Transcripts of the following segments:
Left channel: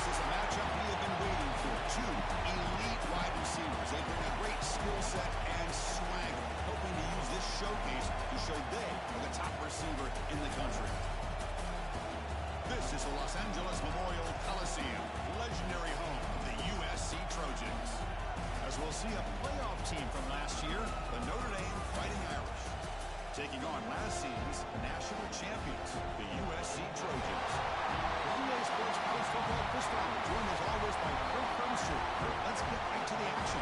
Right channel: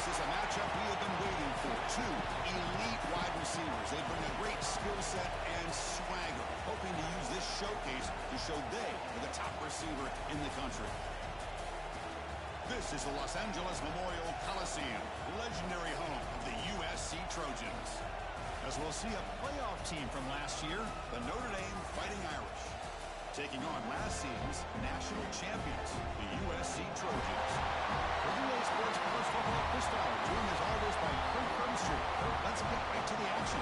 This is a matchup we have been waiting for. Two elite wide receivers. They bring a great skill set and swagger, hoping to use this showcase to show they are the top receiver in the country. This is the Los Angeles Memorial Coliseum, legendary home of the USC Trojans. As we'll see a playoff team from last year, the Notre Dame Fighting Irish, taking on last season's national champions, the USC Trojans. For UA Sports College Football, Chris Fowler, joined as always by Kirk Crumpster. Kirk, let's get right to the action.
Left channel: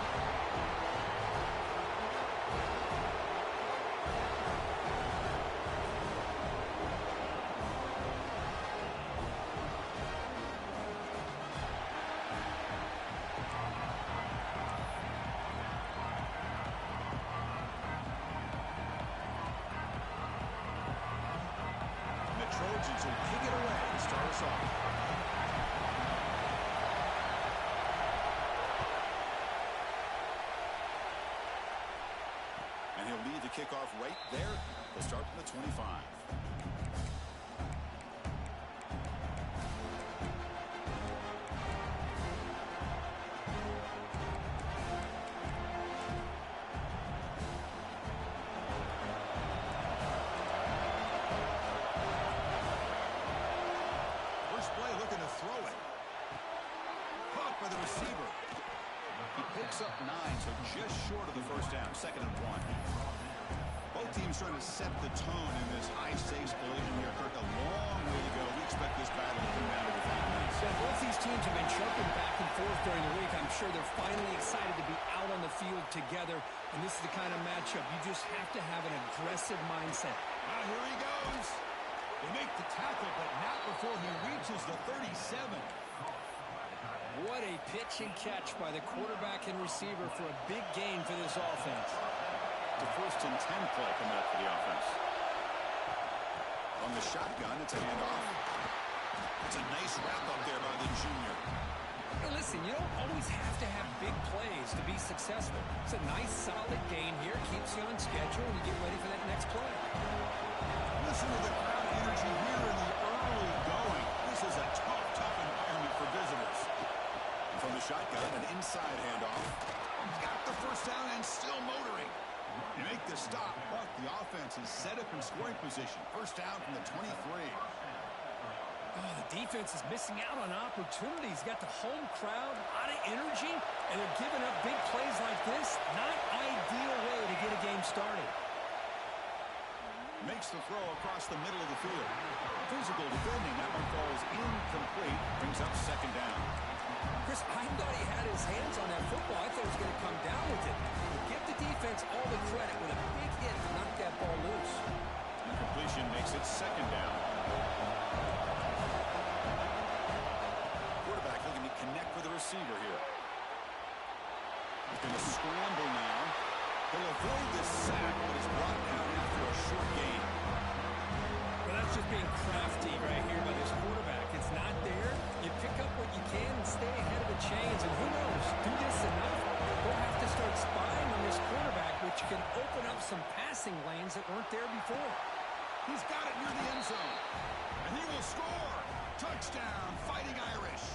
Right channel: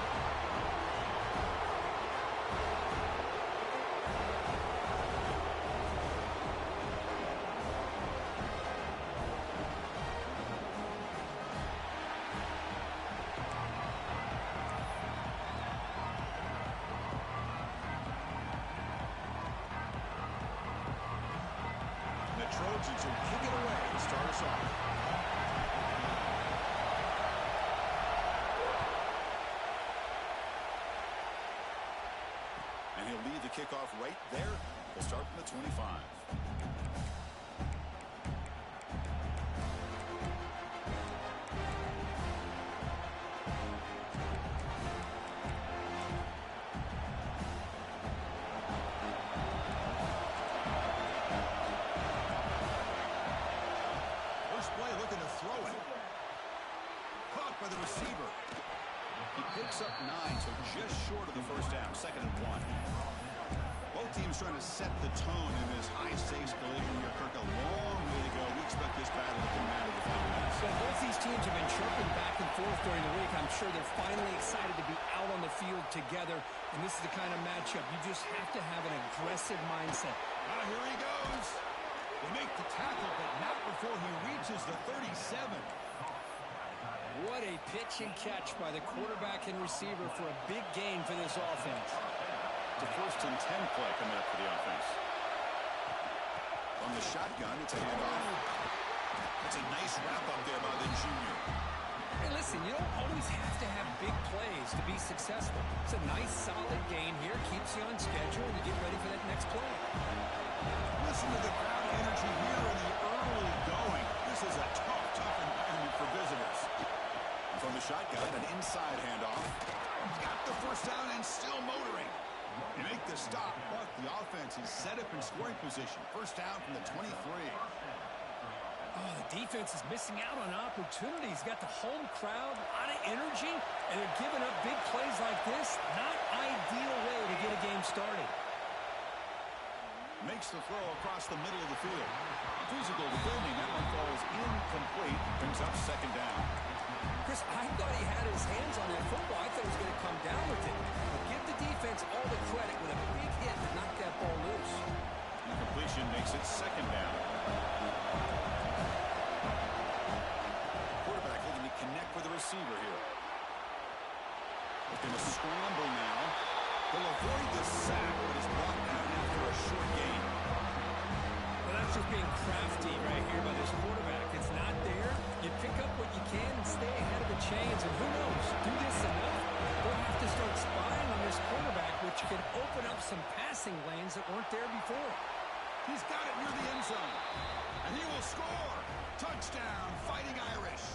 Trojans will kick it away to start us off. And he'll lead the kickoff right there. They'll start from the 25. Play looking to throw it. Caught by the receiver. He picks up 9, so just short of the first down. 2nd and 1. Both teams trying to set the tone in this high-stakes collision here. Kirk, a long way to go. We expect this battle to come down to the final minutes. Well, both these teams have been chirping back and forth during the week. I'm sure they're finally excited to be out on the field together, and this is the kind of matchup you just have to have an aggressive mindset. Here he goes. They make the tackle, but not before he reaches the 37. What a pitch and catch by the quarterback and receiver for a big gain for this offense. It's a 1st and 10 play coming up for the offense. From the shotgun, it's a handoff. That's a nice wrap up there by the junior. Hey, listen, you don't always have to have big plays to be successful. It's a nice, solid gain here. Keeps you on schedule, and you get ready for that next play. Listen to the crowd energy here in the early going. This is a tough environment for visitors. And from the shotgun, an inside handoff. Got the first down and still motoring. They make the stop, but the offense is set up in scoring position. First down from the 23. Oh, the defense is missing out on opportunities. Got the home crowd, a lot of energy, and they're giving up big plays like this. Not ideal way to get a game started. Makes the throw across the middle of the field. Physical defending. That one falls incomplete. Brings up 2nd down. Chris, I thought he had his hands on that football. I thought he was going to come down with it. But give the defense all the credit with a big hit to knock that ball loose. Incompletion makes it 2nd down. Quarterback looking to connect with the receiver here. He's going to scramble now. He'll avoid the sack, but is brought down after a short gain. Well, that's just being crafty right here by this quarterback. It's not there. You pick up what you can and stay ahead of the chains. And who knows, do this enough, we'll have to start spying on this quarterback, which can open up some passing lanes that weren't there before. He's got it near the end zone. And he will score. Touchdown, Fighting Irish.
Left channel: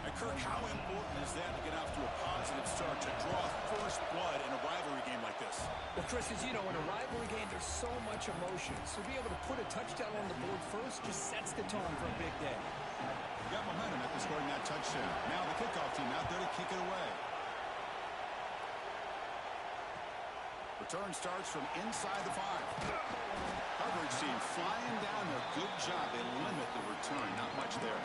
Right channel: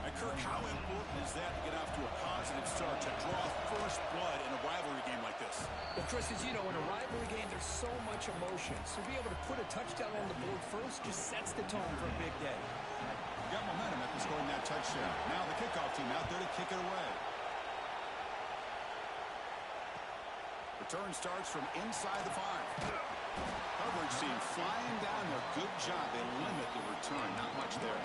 And Kirk, how important is that to get off to a positive start, to draw first blood in a rivalry game like this? Well, Chris, as you know, in a rivalry game, there's so much emotion. So to be able to put a touchdown on the board first just sets the tone for a big day. Got momentum after scoring that touchdown. Now the kickoff team out there to kick it away. Return starts from inside the 5. Coverage team flying down there. Good job. They limit the return. Not much there.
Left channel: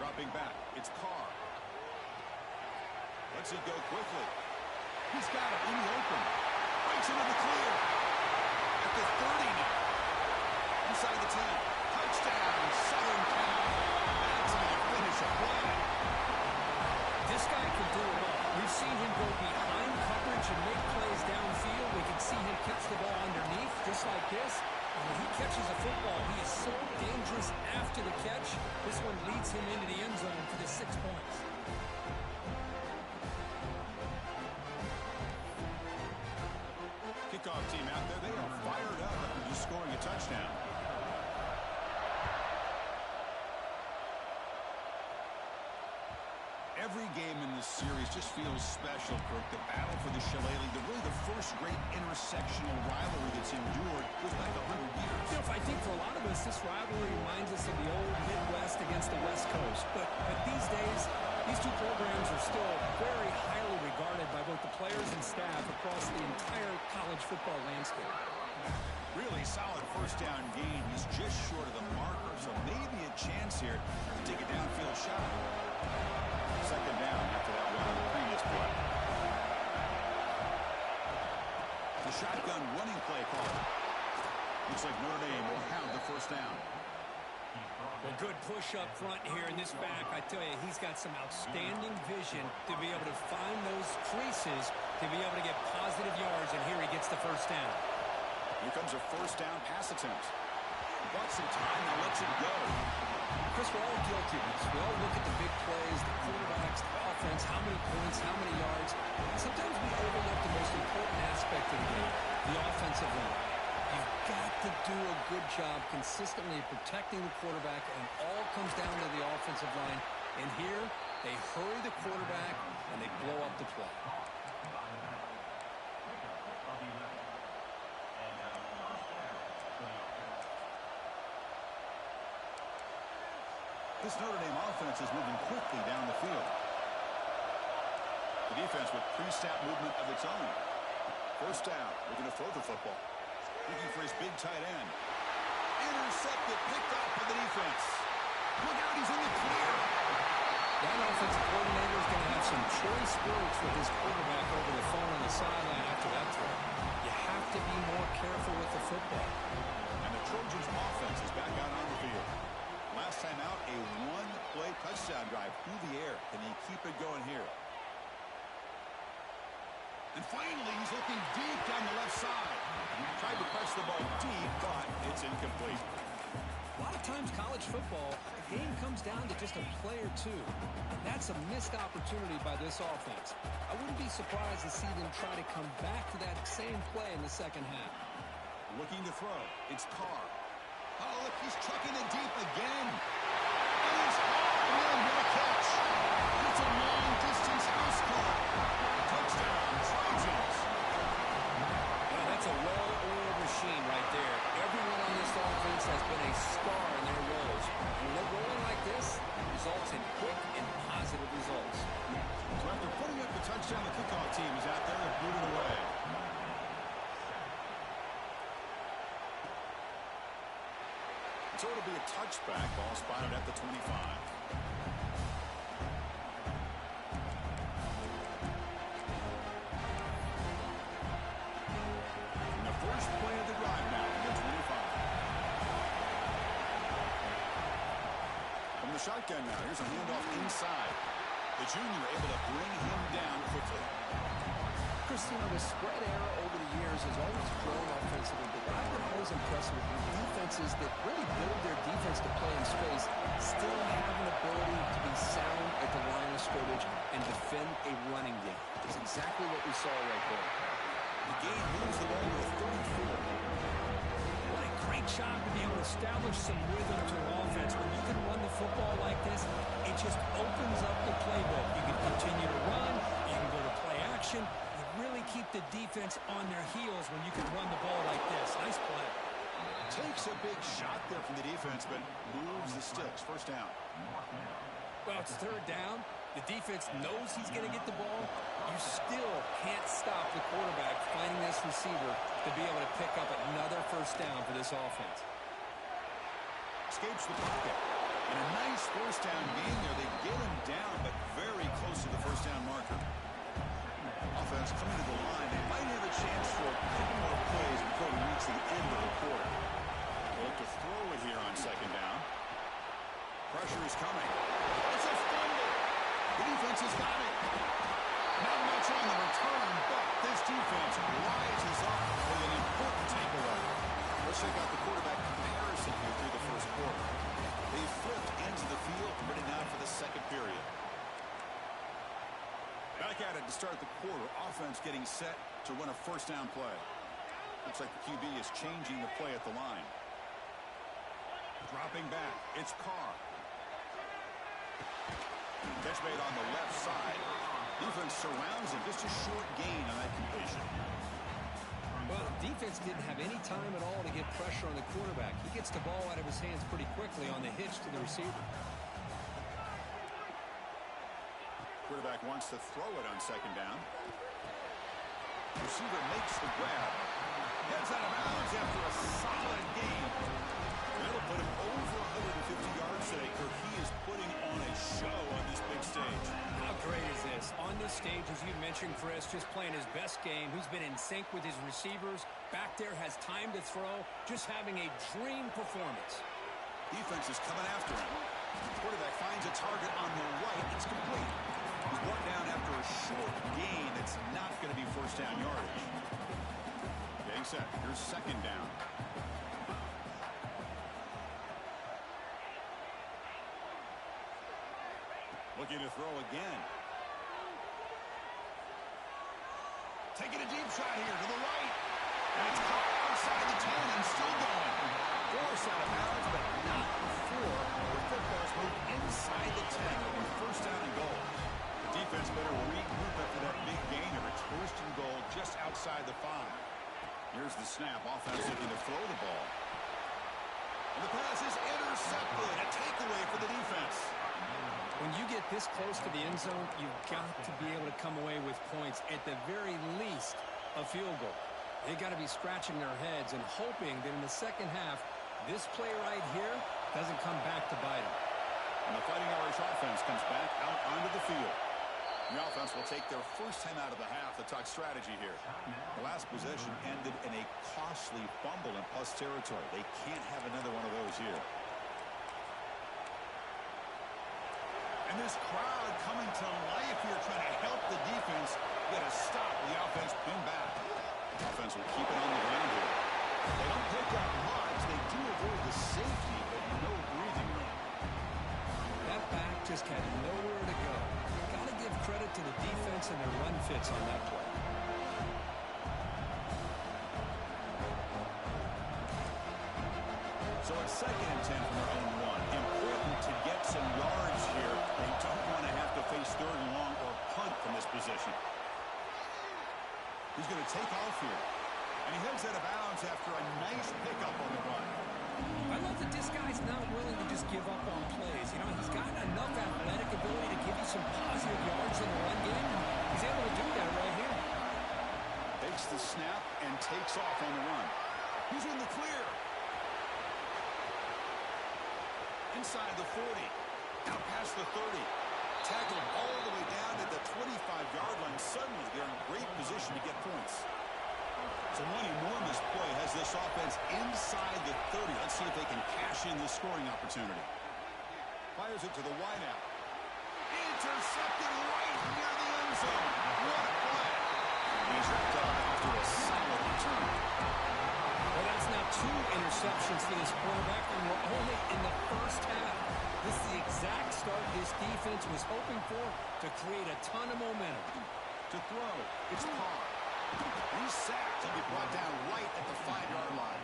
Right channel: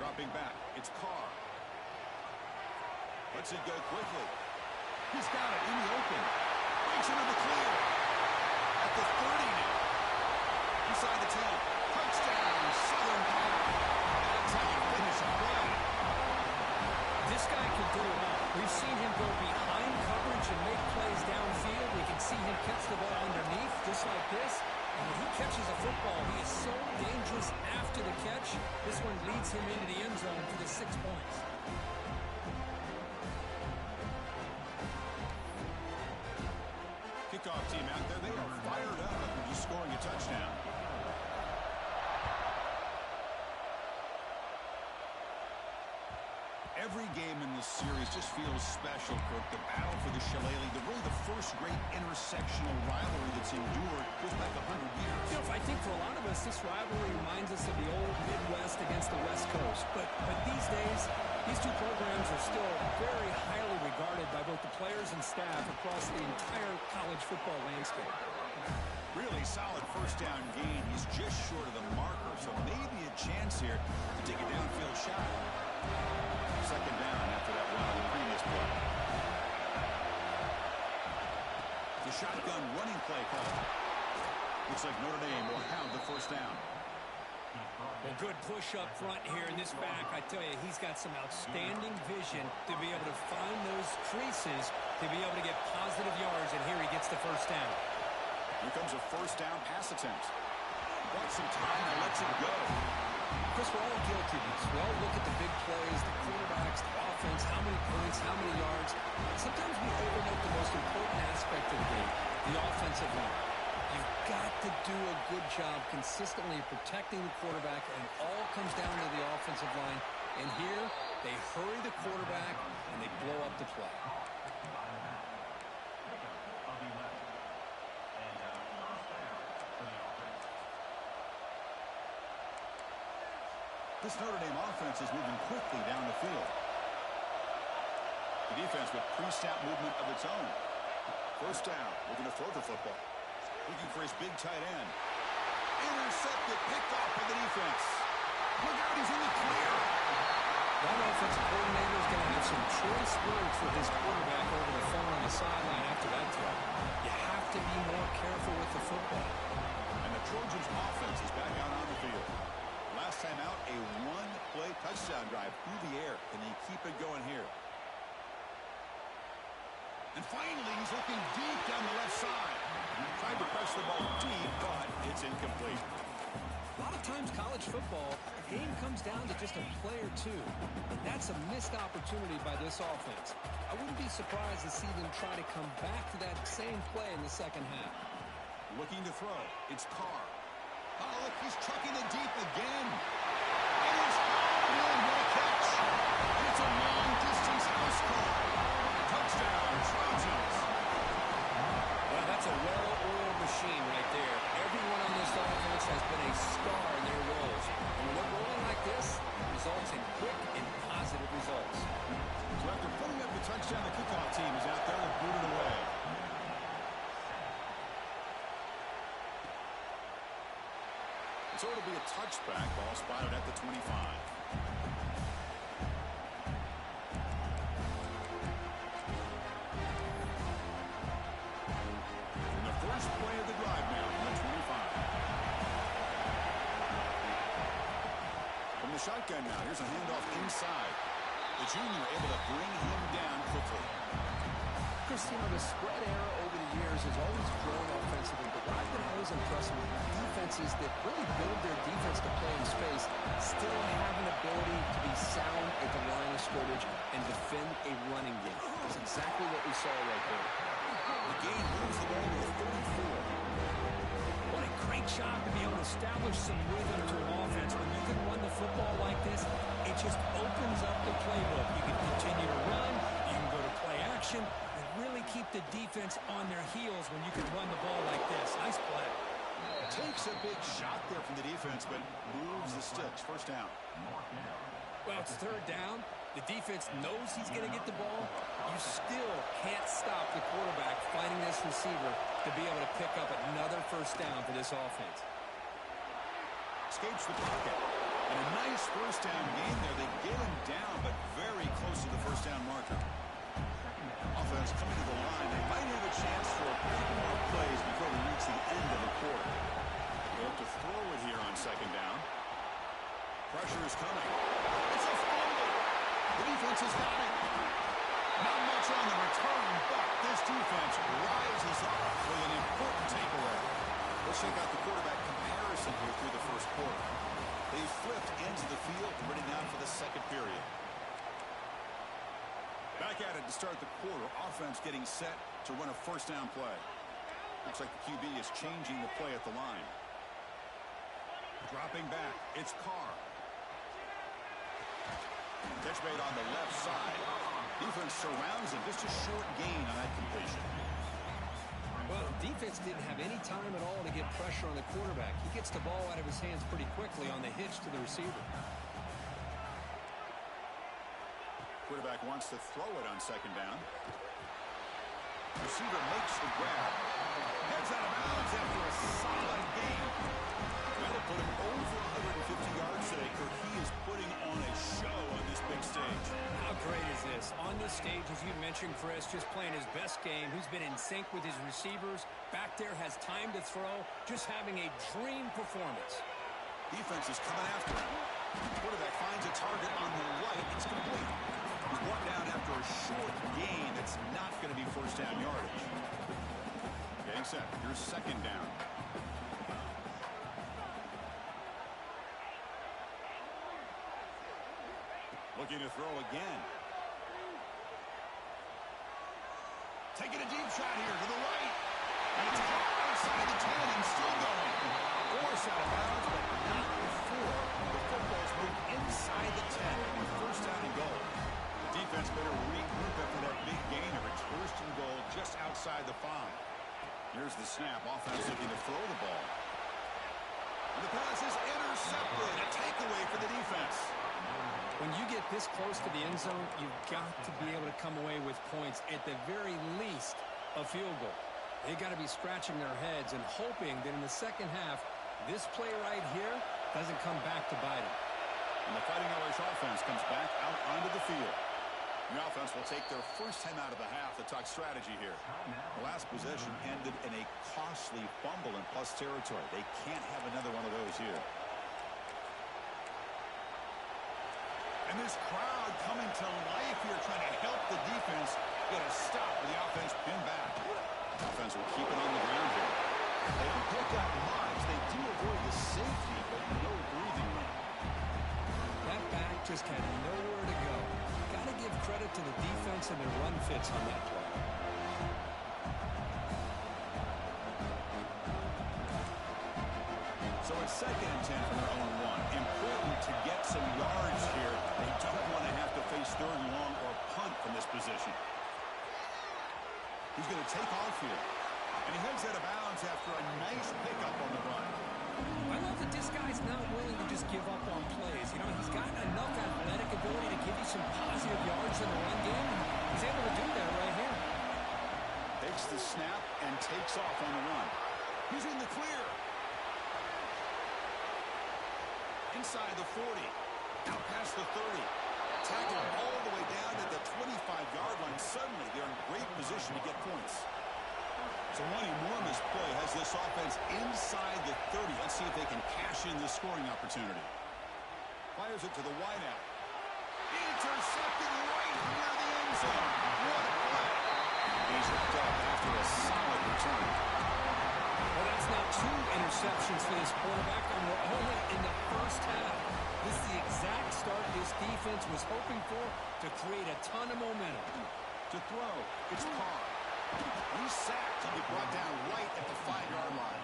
Dropping back, it's Carr. Lets it go quickly. He's got it in the open. Breaks into the clear. At the 30 now. Inside the 10. Touchdown, Southern Cal. That's how you finish a play. This guy can do it all. We've seen him go behind coverage and make plays downfield. We can see him catch the ball underneath, just like this. And when he catches a football, he is so dangerous after the catch. This one leads him into the end zone for the 6 points. Kickoff team out there, they are fired up after just scoring a touchdown. Every game in this series just feels special, Kirk. The battle for the Shillelagh, really the first great intersectional rivalry that's endured goes back 100 years. You know, I think for a lot of us, this rivalry reminds us of the old Midwest against the West Coast. But these days, these two programs are still very highly regarded by both the players and staff across the entire college football landscape. Really solid first down gain. He's just short of the marker, so maybe a chance here to take a downfield shot. Second down after that run on the previous play. The shotgun running play call. Looks like Notre Dame will have the first down. Well, good push up front here in this back. I tell you, he's got some outstanding vision to be able to find those creases, to be able to get positive yards, and here he gets the first down. Here comes a first down pass attempt. Got some time, now lets it go. Chris, we're all guilty of this. We all look at the big plays, the quarterbacks, the offense, how many points, how many yards. Sometimes we overlook the most important aspect of the game, the offensive line. You've got to do a good job consistently protecting the quarterback, and it all comes down to the offensive line. And here, they hurry the quarterback, and they blow up the play. This Notre Dame offense is moving quickly down the field. The defense with pre-snap movement of its own. First down, looking to throw the football. Looking for his big tight end. Intercepted, picked off by the defense. Look out, he's in the clear. That offensive coordinator is going to have some choice words for his quarterback over the phone on the sideline after that throw. You have to be more careful with the football. And the Trojans' offense is back out on the field. Last time out, a one-play touchdown drive through the air. Can they keep it going here? And finally, he's looking deep down the left side. Tried to press the ball deep, but it's incomplete. A lot of times, college football, the game comes down to just a play or two. And that's a missed opportunity by this offense. I wouldn't be surprised to see them try to come back to that same play in the second half. Looking to throw. It's Carr. Oh, look, he's chucking it deep again. It is hard. What a catch. And it's a long-distance house call. Touchdown, Trojans. Well, that's a well-oiled machine right there. Everyone on this offense has been a star in their roles. And when they're rolling like this, it results in quick and positive results. So after putting up the touchdown, the kickoff team is out there and booted away. So it'll be a touchback, ball spotted at the 25. And the first play of the drive now from the 25. From the shotgun now, here's a handoff inside. The junior able to bring him down quickly. Chris, you know, the spread era over the years has always grown offensively, but what I've been always impressed with defenses that really build their defense to play in space still have an ability to be sound at the line of scrimmage and defend a running game. That's exactly what we saw right there. The game moves the ball to the 34. What a great job to be able to establish some rhythm to an offense. When you can run the football like this, it just opens up the playbook. You can continue to run, you can go to play action, really keep the defense on their heels when you can run the ball like this. Nice play. Takes a big shot there from the defense, but moves the sticks. First down. Well, it's third down. The defense knows he's going to get the ball. You still can't stop the quarterback finding this receiver to be able to pick up another first down for this offense. Escapes the pocket. And a nice first down gain there. They get him down, but very close to the first down marker. Offense coming to the line. They might have a chance for a couple more plays before we reach the end of the quarter. They'll have to throw it here on second down. Pressure is coming. It's a fumble. The defense has got it. Not much on the return, but this defense rises up with an important takeaway. Let's check out the quarterback comparison here through the first quarter. They flipped ends of the field, ready now for the second period. Back at it to start the quarter. Offense getting set to run a first down play. Looks like the QB is changing the play at the line. Dropping back. It's Carr. Catch made on the left side. Defense surrounds him. Just a short gain on that completion. Well, defense didn't have any time at all to get pressure on the quarterback. He gets the ball out of his hands pretty quickly on the hitch to the receiver. Quarterback wants to throw it on second down. Receiver makes the grab. Heads out of bounds after a solid gain. That'll put him over 150 yards today. Kirk, he is putting on a show on this big stage. How great is this? On this stage, as you mentioned, Chris, just playing his best game. He's been in sync with his receivers. Back there, has time to throw. Just having a dream performance. Defense is coming after him. Quarterback finds a target on the right. It's complete. He's brought down after a short gain. That's not going to be first down yardage. Getting set. Here's second down. Looking to throw again. Taking a deep shot here to the right. And it's caught outside the 10 and still going. Forced out of bounds, but not before the football's moved inside the 10. It'll be first down and goal. The defense better regroup after that big gain of its first and goal just outside the 5. Here's the snap. Offense looking to throw the ball. And the pass is intercepted. A takeaway for the defense. When you get this close to the end zone, you've got to be able to come away with points, at the very least, a field goal. They've got to be scratching their heads and hoping that in the second half, this play right here doesn't come back to bite them. And the Fighting Irish offense comes back out onto the field. The offense will take their first time out of the half to talk strategy here. The last possession ended in a costly fumble in plus territory. They can't have another one of those here. And this crowd coming to life here, trying to help the defense get a stop with the offense pinned back. Offense will keep it on the ground here. They don't pick up much. They do avoid the safety, but no breathing room. That back just had nowhere to go. Got to give credit to the defense and their run fits on that play. So it's second and 10 from their own 1. Important to get some yards here. They don't want to have to face third and long or punt from this position. He's going to take off here. And he heads out of bounds after a nice pickup on the run. I love that this guy's not willing to just give up on plays. You know, he's got enough athletic ability to give you some positive yards in the run game. He's able to do that right here. Takes the snap and takes off on the run. He's in the clear. Inside the 40. Out past the 30. Tackled all the way down to the 25-yard line. Suddenly, they're in great position to get points. So one enormous play has this offense inside the 30. Let's see if they can cash in this scoring opportunity. Fires it to the wideout. Intercepted right near the end zone. What a play. And he's wrapped up after a solid return. Well, that's now 2 interceptions for this quarterback, and we're only in the first half. This is the exact start this defense was hoping for to create a ton of momentum. To throw, it's Carr. He's sacked. He'll be brought down right at the 5-yard line.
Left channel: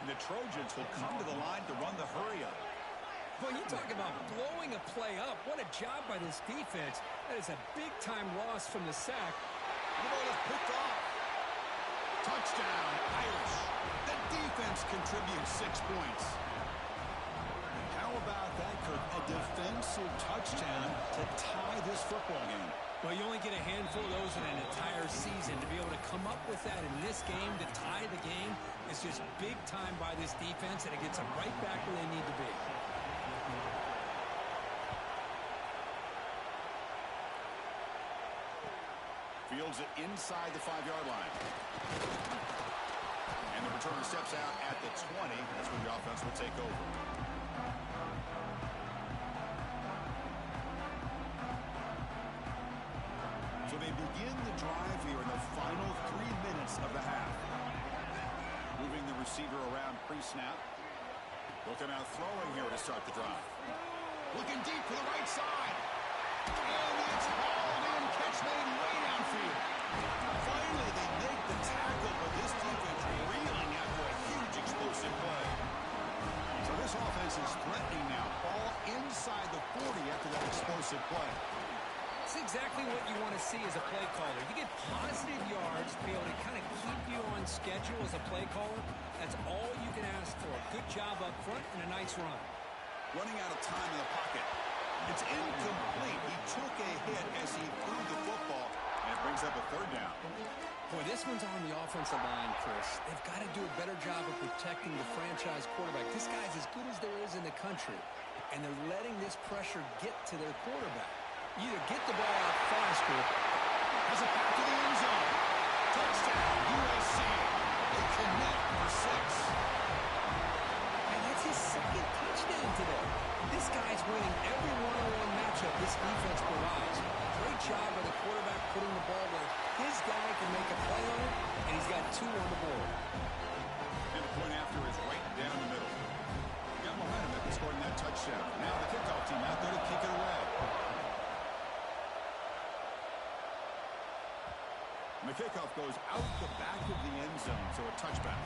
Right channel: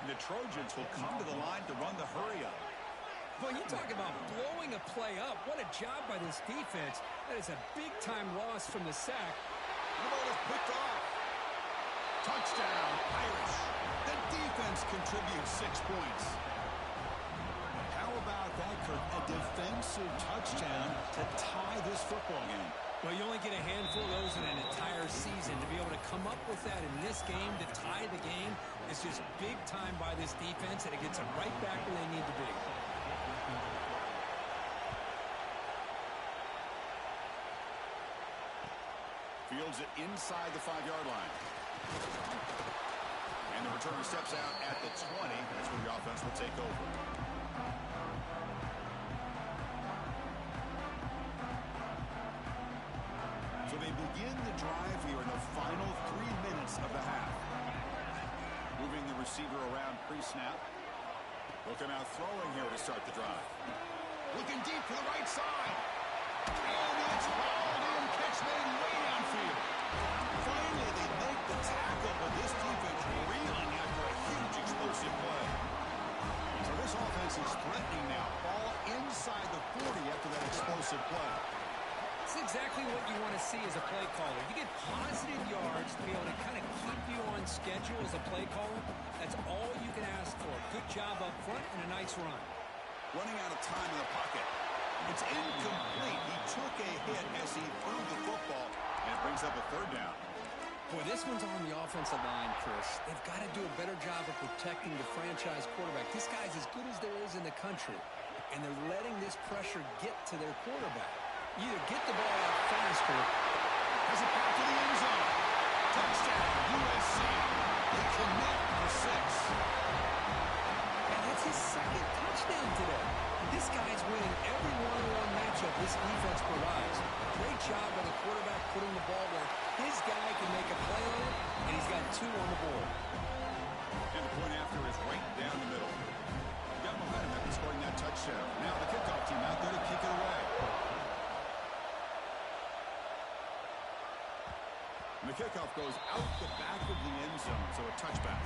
And the Trojans will come to the line to run the hurry-up. Well, you talk about blowing a play up. What a job by this defense. That is a big-time loss from the sack. The ball is picked off. Touchdown, Irish. The defense contributes 6 points. How about that, Kirk? A defensive touchdown to tie this football game. Well, you only get a handful of those in an entire season. To be able to come up with that in this game, to tie the game, is just big time by this defense, and it gets them right back where they need to be. Fields it inside the 5-yard line. And the returner steps out at the 20. That's where the offense will take over. So they begin the drive here in the final 3 minutes of the half. Moving the receiver around pre-snap. Looking out throwing here to start the drive. Looking deep to the right side. And it's hauled in. Catch made way downfield. Finally, they make the tackle, but this defense reeling after a huge explosive play. So this offense is threatening now. Ball inside the 40 after that explosive play. It's exactly what you want to see as a play caller. You get positive yards to be able to kind of keep you on schedule as a play caller. That's all you can ask for. Good job up front and a nice run. Running out of time in the pocket. It's incomplete. He took a hit as he threw the football, and it brings up a third down. Boy, this one's on the offensive line, Chris. They've got to do a better job of protecting the franchise quarterback. This guy's as good as there is in the country, and they're letting this pressure get to their quarterback. Either get the ball out faster. Has it back to the end zone. Touchdown, USC. They connect for 6. And that's his second touchdown today. This guy's winning every one-on-one matchup this defense provides. Great job by the quarterback putting the ball where his guy can make a play on it, and he's got 2 on the board. And the point after is right down the middle. Got behind him after scoring that touchdown. Now the kickoff team out there to kick it away. And the kickoff goes out the back of the end zone, so a touchback.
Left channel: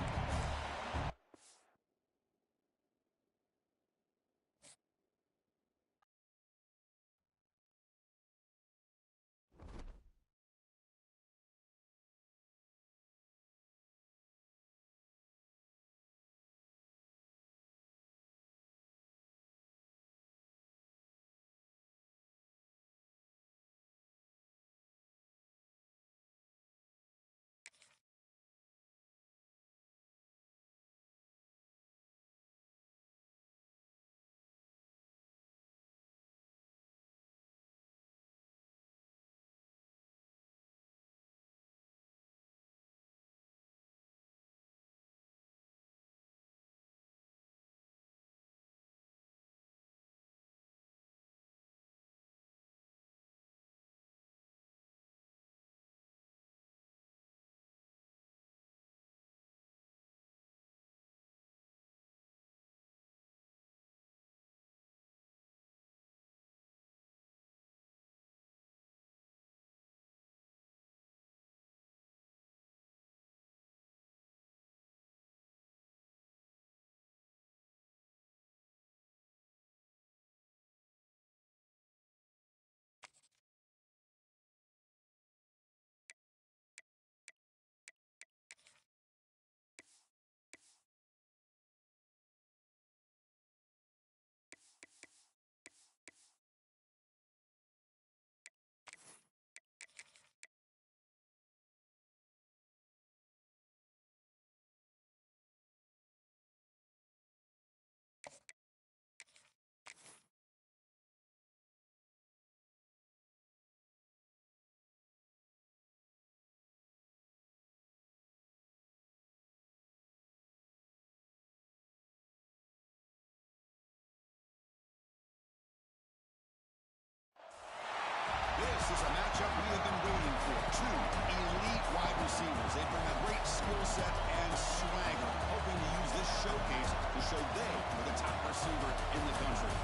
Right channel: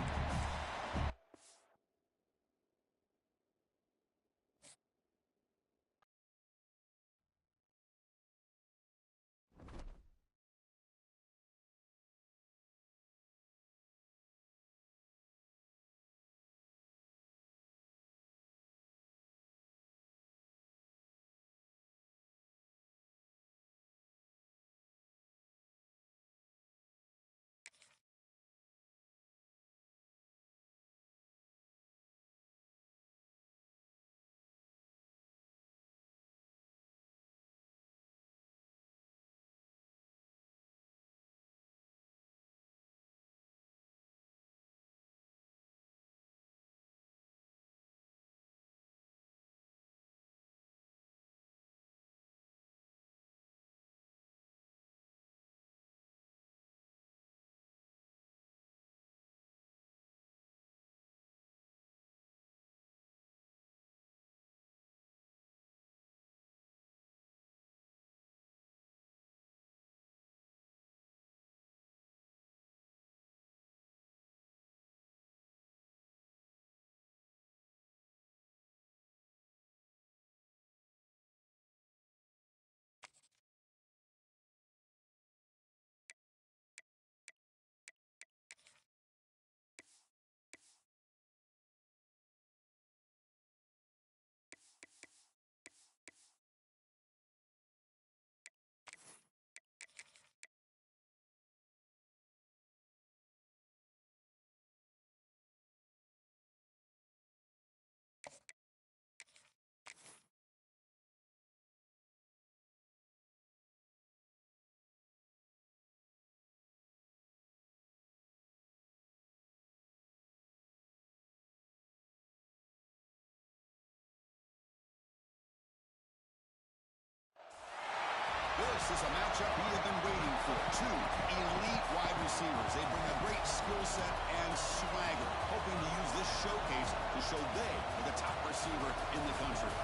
This is a matchup we have been waiting for. 2 elite wide receivers. They bring a great skill set and swagger, hoping to use this showcase to show they are the top receiver in the country.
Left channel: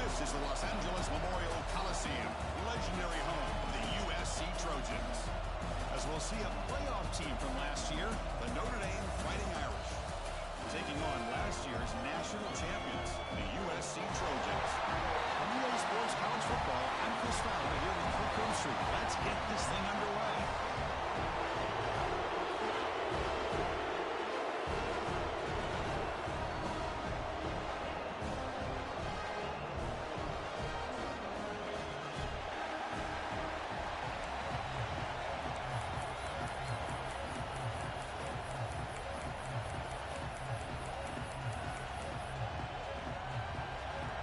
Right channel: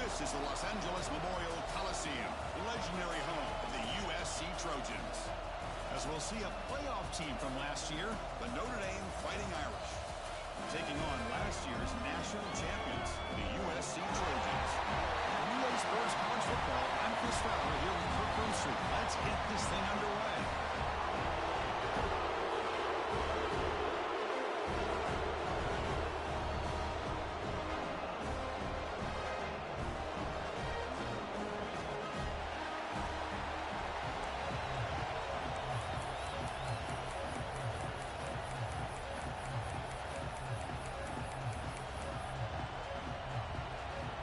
This is the Los Angeles Memorial Coliseum, legendary home of the USC Trojans. As we'll see a playoff team from last year, the Notre Dame Fighting Irish, taking on last year's national champions, the USC Trojans. On EA Sports College Football, I'm Chris Fowler here with Kirk Roomstreet. Let's get this thing underway.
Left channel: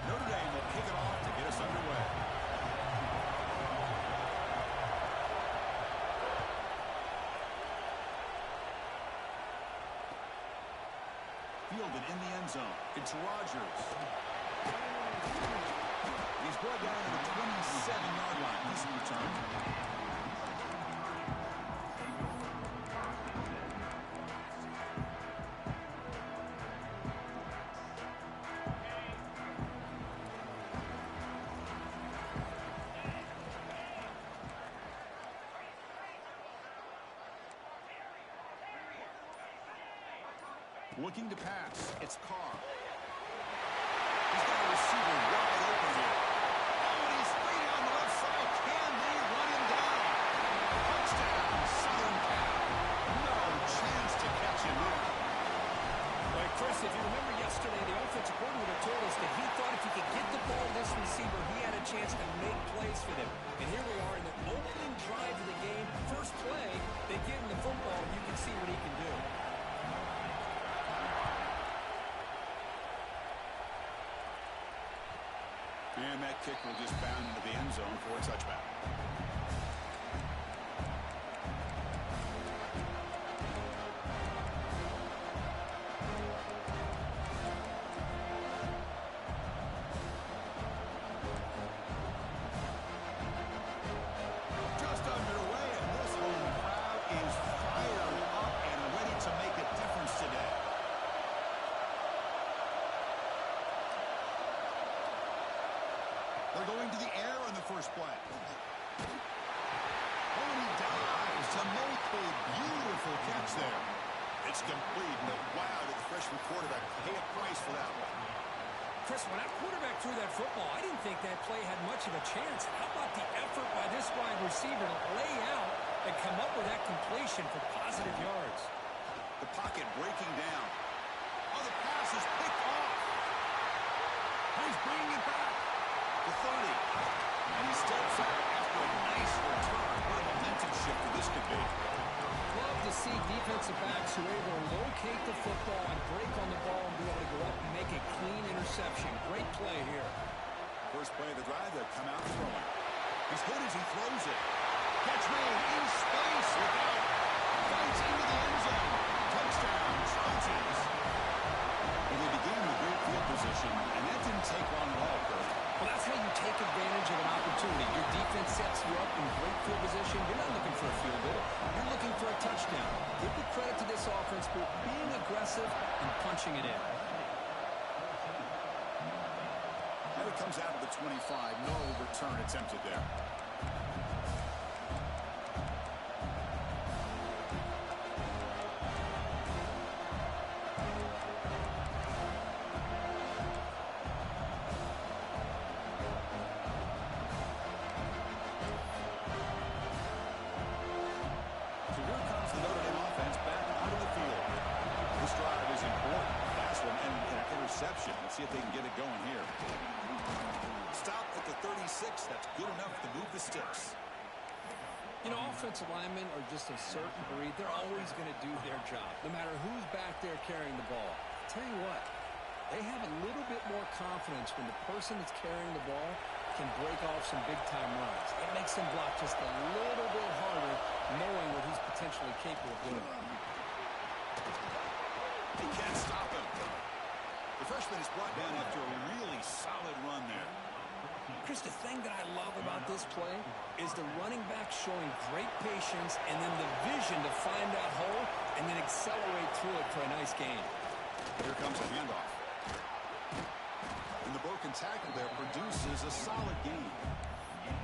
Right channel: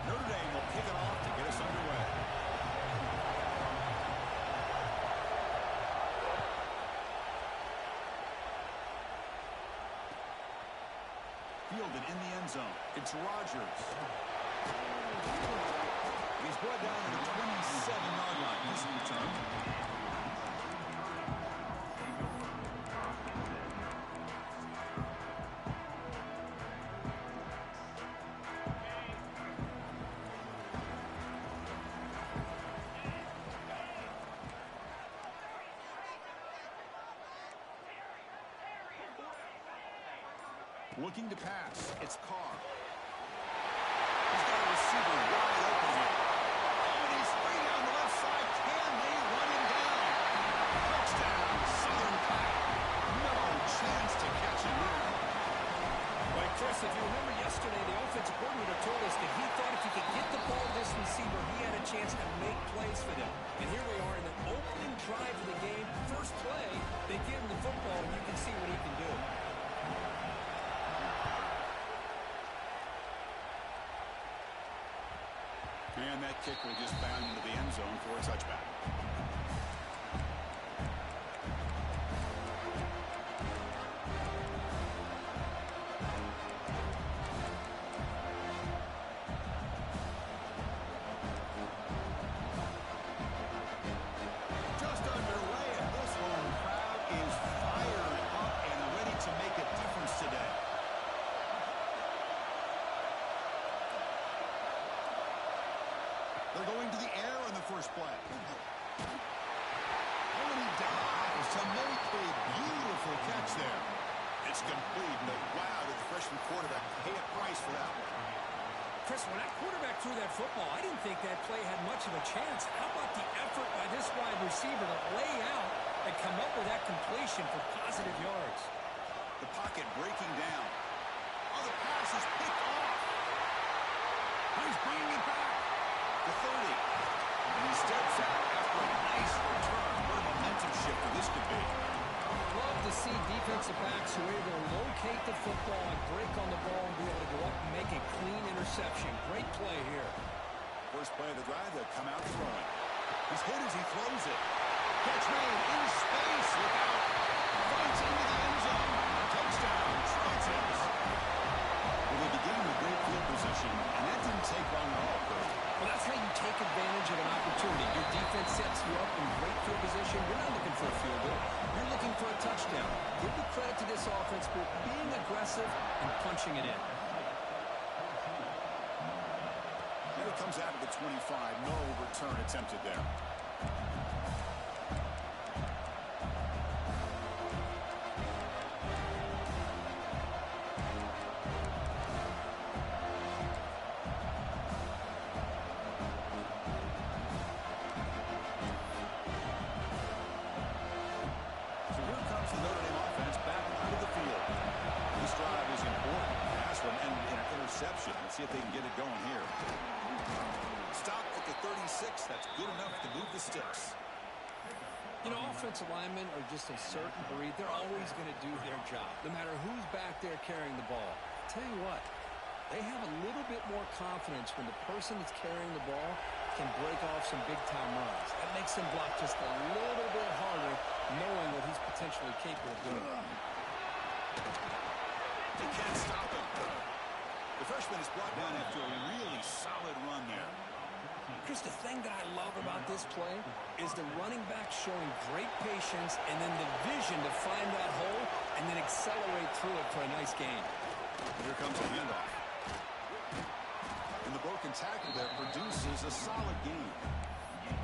Notre Dame will kick it off to get us underway. Fielded in the end zone. It's Rodgers. He's brought down to the 27-yard line. Decent return. Looking to pass. It's Carr. He's got a receiver wide open here. Oh, and he's free down the left side. Can they run him down? Touchdown, Southern Cal. No chance to catch him there. Well, Chris, if you remember yesterday, the offensive coordinator told us that he thought if he could get the ball to this receiver, he had a chance to make plays for them. And here we are in the opening drive of the game. First play, they give him the football, and you can see what he can do. And that kick will just bound into the end zone for a touchback. Just underway, and this home crowd is fired up and ready to make a difference today. They're going to the air on the first play. Oh, and he dives to make a beautiful catch there. It's complete, but wow, did the freshman quarterback pay a price for that one. Chris, when that quarterback threw that football, I didn't think that play had much of a chance. How about the effort by this wide receiver to lay out and come up with that completion for positive yards? The pocket breaking down. Oh, the pass is picked off. Oh, he's bringing it back to 30. And he steps out after a nice return. What a momentum shifter this could be. Love to see defensive backs who are able to locate the football and break on the ball and be able to go up and make a clean interception. Great play here. First play of the drive, they'll come out throwing. He's hit as he throws it. Catch made in space without. Fights into the end zone. Touchdown, Trojans. Well, they began with great field position, and that didn't take long at all, Kurt. Well, that's how you take advantage of an opportunity. Your defense sets you up in great field position. You're not looking for a field goal. You're looking for a touchdown. Give the credit to this offense for being aggressive and punching it in. And it comes out of the 25. No return attempted there. The Notre Dame offense back out of the field. This drive is important. Last one and an interception. Let's see if they can get it going here. Stop at the 36. That's good enough to move the sticks. You know, offensive linemen are just a certain breed. They're always going to do their job, no matter who's back there carrying the ball. I'll tell you what, they have a little bit more confidence when the person that's carrying the ball can break off some big-time runs. That makes them block just a little bit harder, knowing what he's potentially capable of doing. They can't stop him. The freshman is brought down after a really solid run there. Chris, the thing that I love about this play is the running back showing great patience and then the vision to find that hole and then accelerate through it for a nice gain. Here comes a handoff. And the broken tackle there produces a solid gain.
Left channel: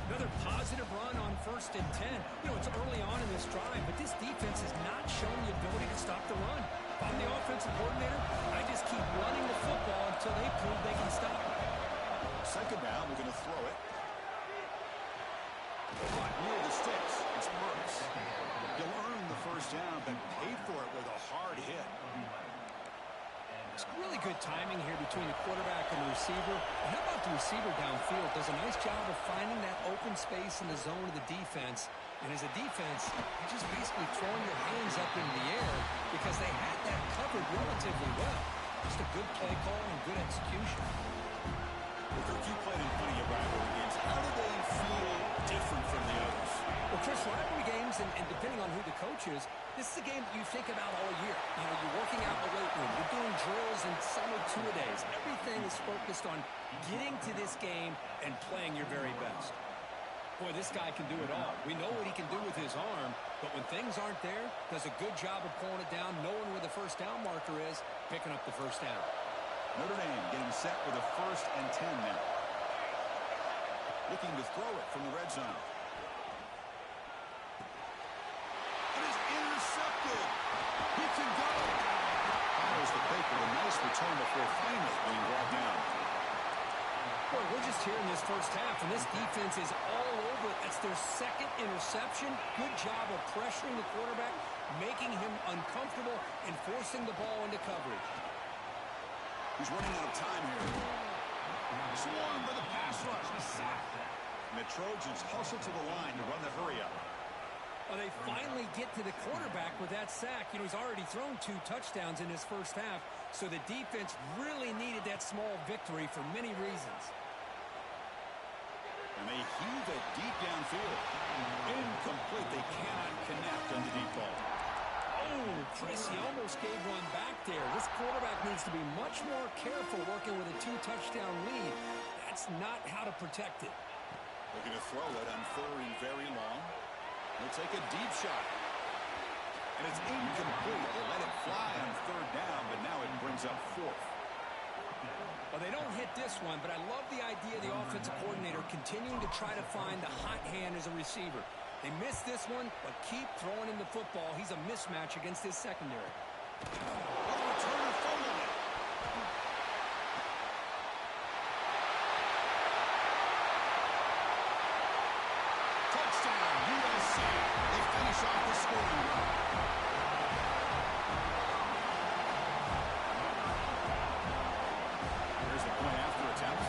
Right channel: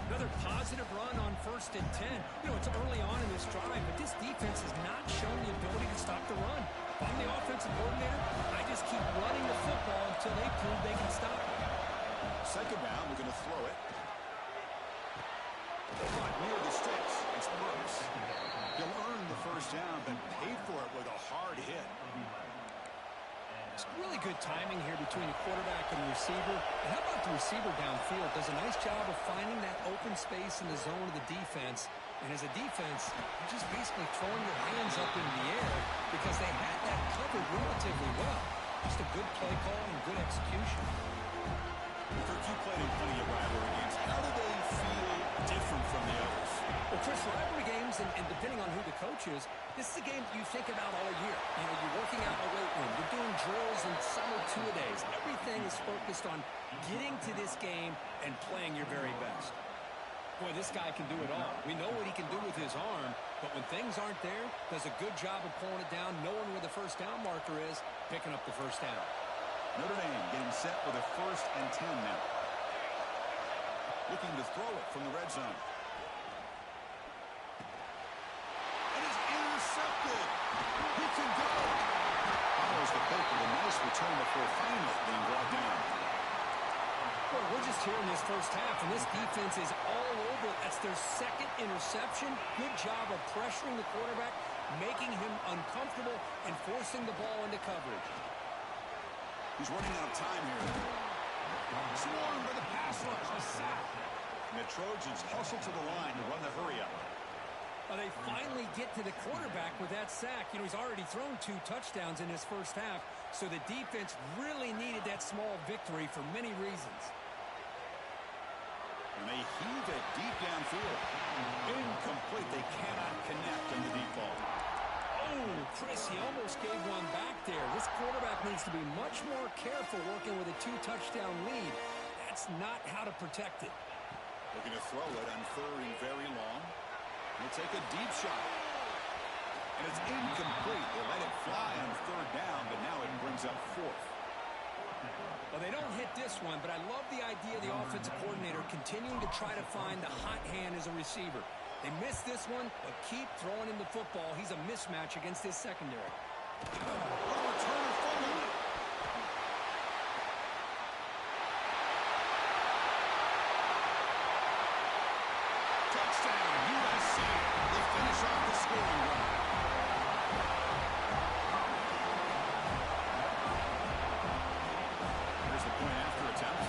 Another positive run on 1st and 10. You know, it's early on in this drive, but this defense has not shown the ability to stop the run. If I'm the offensive coordinator, I just keep running the football until they prove they can stop it. Second down, we're going to throw it. But near the sticks, it's Brooks. He'll earn the first down, but paid for it with a hard hit. It's really good timing here between the quarterback and the receiver. And how about the receiver downfield? Does a nice job of finding that open space in the zone of the defense. And as a defense, you're just basically throwing your hands up into the air because they had that covered relatively well. Just a good play call and good execution. Well, Kirk, you played in plenty of rivalry games. How do they feel different from the others? Well, Chris, rivalry games, and depending on who the coach is, this is a game that you think about all year. You know, you're working out in the weight room. You're doing drills and summer two-a-days. Everything is focused on getting to this game and playing your very best. Boy, this guy can do it all. We know what he can do with his arm, but when things aren't there, does a good job of pulling it down, knowing where the first down marker is, picking up the first down. Notre Dame getting set with a 1st and 10 now. Looking to throw it from the red zone. It is intercepted. He can go. Follows the break with a nice return before finally being brought down. Boy, we're just here in this first half, and this defense is all over it. That's their second interception. Good job of pressuring the quarterback, making him uncomfortable, and forcing the ball into coverage. He's running out of time here. Swarm for the pass rush. A sack. And the Trojans hustle to the line to run the hurry-up. They finally get to the quarterback with that sack. You know, he's already thrown 2 touchdowns in his first half, so the defense really needed that small victory for many reasons. And they heave it deep downfield. Incomplete. They cannot connect on the deep ball. Oh, Chris, he almost gave one back there. This quarterback needs to be much more careful working with a 2-touchdown lead. That's not how to protect it. Looking to throw it on 3rd and very long. He'll take a deep shot. And it's incomplete. They let it fly on 3rd down, but now it brings up 4th. Well, they don't hit this one, but I love the idea of the offensive coordinator continuing to try to find the hot hand as a receiver. They missed this one, but keep throwing him the football. He's a mismatch against his secondary. What a returner fumbled it. Touchdown, USC. They finish off the scoring drive. Here's the point after attempt.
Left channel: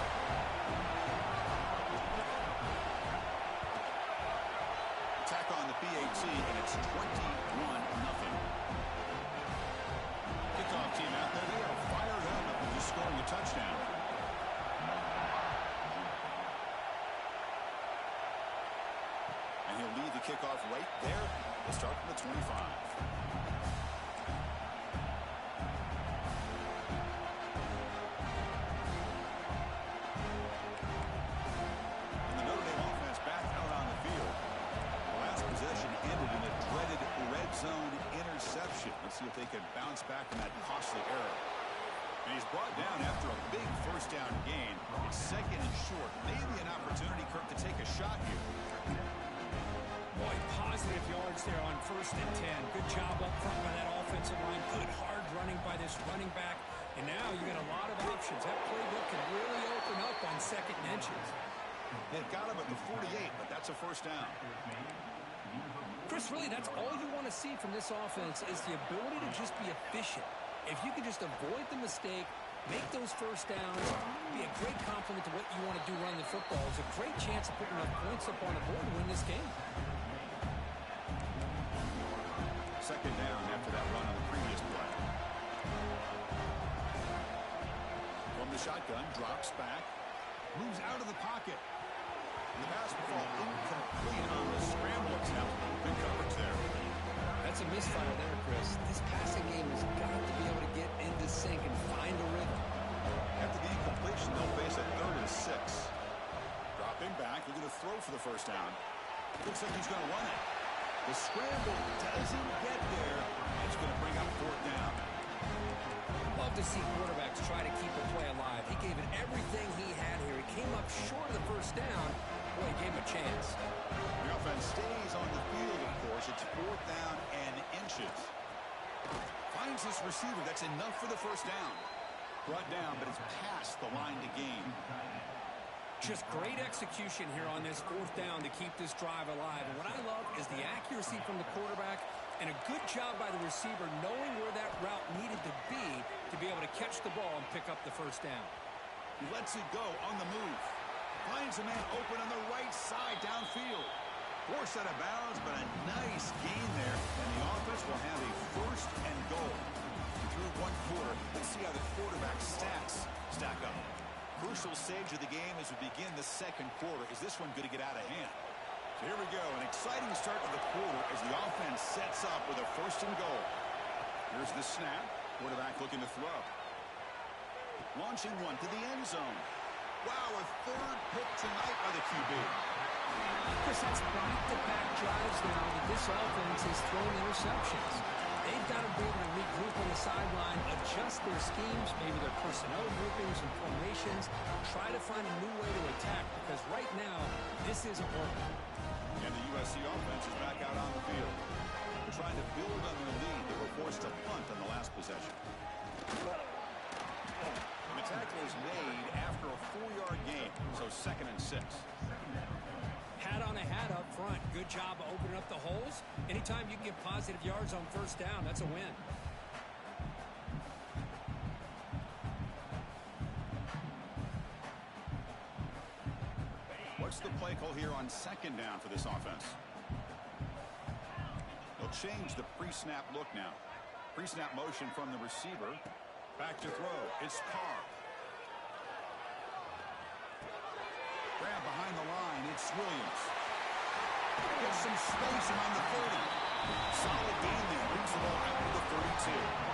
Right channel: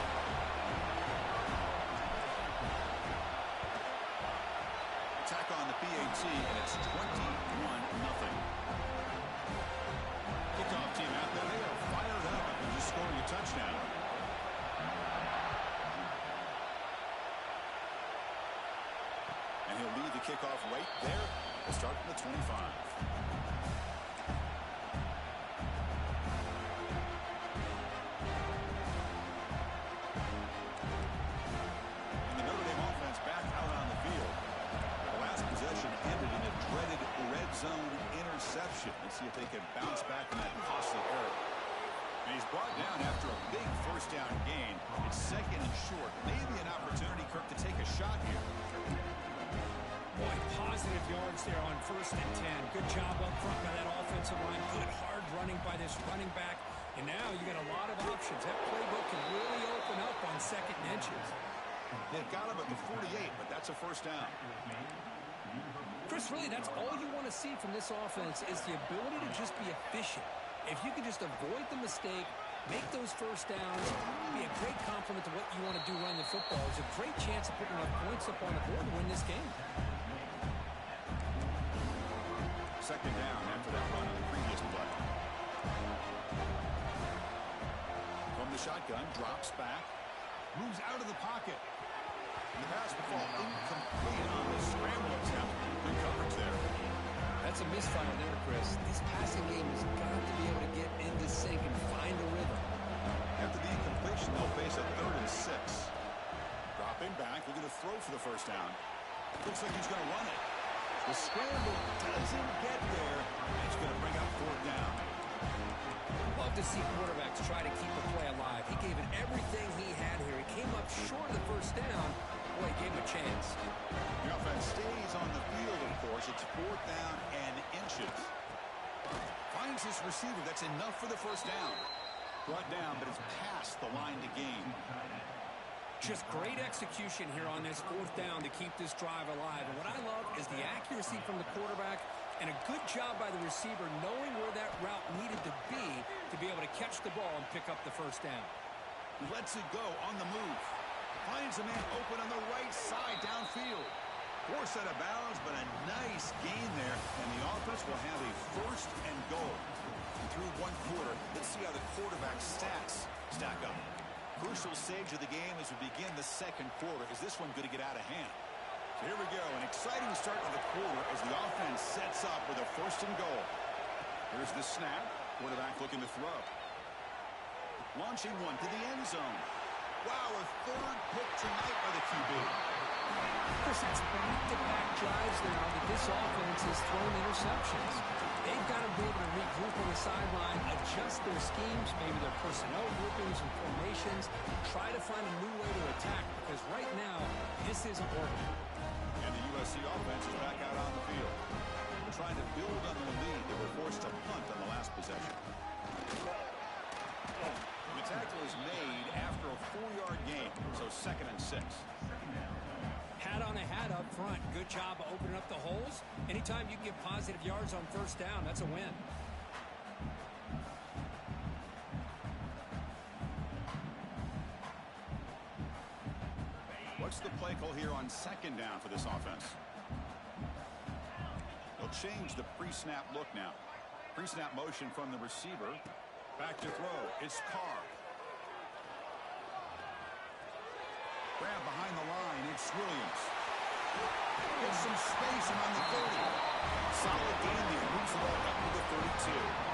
Attack on the PAT, and it's 21-0. Kickoff team out there, they are fired up after just scoring a touchdown. And he'll lead the kickoff right there. They'll start from the 25. And the Notre Dame offense back out on the field. The last possession ended in a dreaded red zone interception. Let's see if they can bounce back from that costly error. And he's brought down after a big first down gain. It's 2nd and short. Maybe an opportunity, Kirk, to take a shot here. Boy, positive yards there on 1st and 10. Good job up front by that offensive line. Good hard running by this running back. And now you got a lot of options. That playbook can really open up on 2nd and inches. They've got him at the 48, but that's a first down. Chris, really, that's all you want to see from this offense is the ability to just be efficient. If you can just avoid the mistake, make those first downs, be a great compliment to what you want to do running the football. There's a great chance of putting enough points up on the board to win this game. 2nd down after that run on the previous play. From the shotgun, drops back, moves out of the pocket. And the pass will fall incomplete on the scramble attempt. Good coverage there. That's a misfire there, Chris. This passing game has got to be able to get into sync and find a rhythm. After the incompletion, they'll face a 3rd and 6. Dropping back, looking to throw for the first down. Looks like he's going to run it. The scramble doesn't get there, and it's going to bring up 4th down. Love to see quarterbacks try to keep a play alive. He gave it everything he had here. He came up short of the first down. Boy, he gave him a chance. The offense stays on the field, of course. It's 4th down and inches. Finds this receiver. That's enough for the first down. Brought down, but it's past the line to gain. Just great execution here on this 4th down to keep this drive alive. And what I love is the accuracy from the quarterback and a good job by the receiver knowing where that route needed to be able to catch the ball and pick up the first down. He lets it go on the move. Finds a man open on the right side downfield. Forced out of bounds, but a nice gain there. And the offense will have a 1st and goal. Through 1 quarter, let's see how the quarterback's stats stack up. Crucial stage of the game as we begin the 2nd quarter. Is this one going to get out of hand? So here we go. An exciting start of the quarter as the offense sets up with a 1st and goal. Here's the snap. Quarterback looking to throw. Launching one to the end zone. Wow, a 3rd pick tonight by the QB. Chris, that's back-to-back drives now that this offense has thrown interceptions. They've got to be able to regroup on the sideline, adjust their schemes, maybe their personnel groupings and formations, try to find a new way to attack because right now, this isn't working. And the USC offense is back out on the field. They're trying to build on their lead. They were forced to punt on the last possession. And the tackle is made after a 4-yard gain, so 2nd and 6. Hat on a hat up front. Good job of opening up the holes. Anytime you can get positive yards on first down, that's a win. What's the play call here on 2nd down for this offense? They'll change the pre-snap look now. Pre-snap motion from the receiver. Back to throw. It's Carr. Grab behind the line. It's Williams. Gets some space around the 30. Solid gain there. Moves the ball out to the 32.